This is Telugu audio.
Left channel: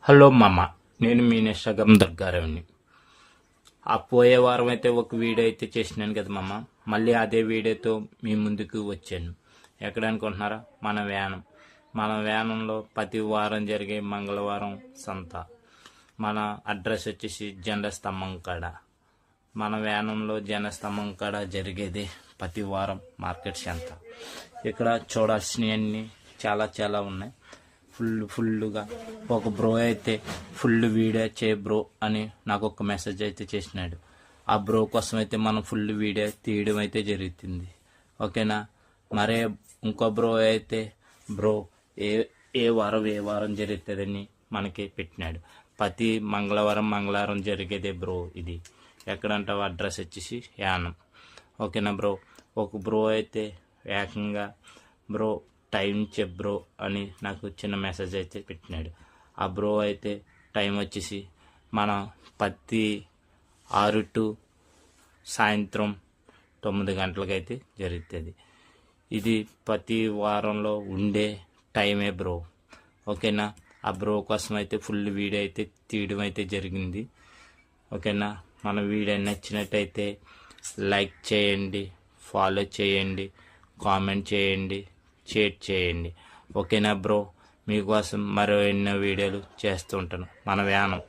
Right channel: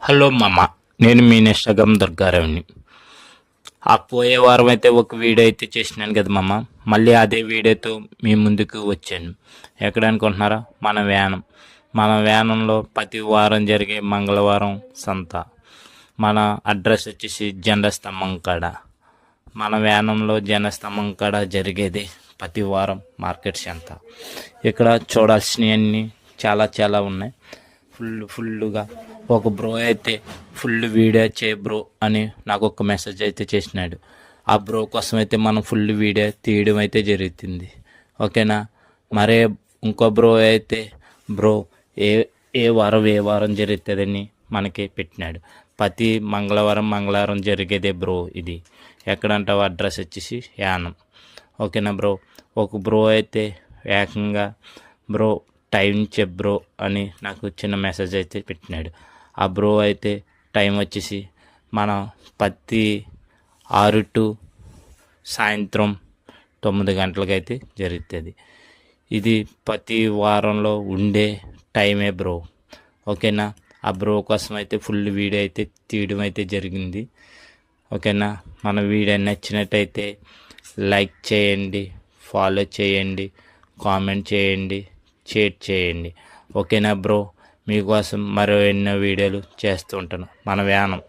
హలో మామ నేను మీ ఇన్స్టాగ్రామ్ దుర్గారావుని. ఆ పోయే వారం అయితే ఒక వీడియో అయితే చేసినాను కదా మామ మళ్ళీ అదే వీడియోతో మీ ముందుకు వచ్చాను. ఎక్కడ అనుకుంటున్నారా? మన వ్యానం. మన వ్యానంలో ప్రతి వారం జరిగే మంగళవారం సంత. మన అడ్రస్ వచ్చేసి జెండా స్తంభం కాడ. మన వ్యానంలో జనస్తంభం కాడ జరిగేది ప్రతి వారం మార్కెట్ సంత. ఇక్కడ చూడాల్సినవన్నీ చాలా చాలా ఉన్నాయి. ఫుల్ ఫుల్గా ఒక బ్రో అయితే ఫుల్ వీడియో చే బ్రో అని నాకు ఒక మెసేజ్ అయితే చేసినాడు. ఆ బ్రో కోసం అయితే మనం ఫుల్ వీడియో తీయడం అయితే జరుగుతుంది. ఓకేనా? మరే ఇంకో బ్రో అయితే బ్రో ఏ ఏ వారం ఏ వారం జరుగుతుందని మనకి పెట్టినాడు. ప్రతి మంగళవారం మంగళవారం జరిగేదే బ్రో ఇది. ఎక్కడంటే అడ్రస్ వచ్చేసి యానం. ఓకేనా బ్రో ఒక బ్రో అయితే ఏకంగా బ్రో టైం చెప్ బ్రో అని నాకు చిన్న మెసేజ్ అయితే పెట్టినాడు. ఆ బ్రో అయితే టైం వచ్చేసి మన పత్తి ఆరు టు సాయంత్రం తొమ్మిది గంటలకైతే జరుగుతుంది. ఇది ప్రతి వారంలో ఉండే టైమే బ్రో. ఓకేనా? ఆ బ్రో కోసం అయితే ఫుల్ వీడియో అయితే తీయడం అయితే జరిగింది. ఓకేనా? మన వీడియో నచ్చినట్టయితే లైక్ చేయండి ఫాలో చేయండి కామెంట్ చేయండి. షేర్ చేయండి. ఓకేనా బ్రో? మీకోసం మరో ఎన్నో వీడియోలు చేస్తూ ఉంటాను. మన వ్యానం.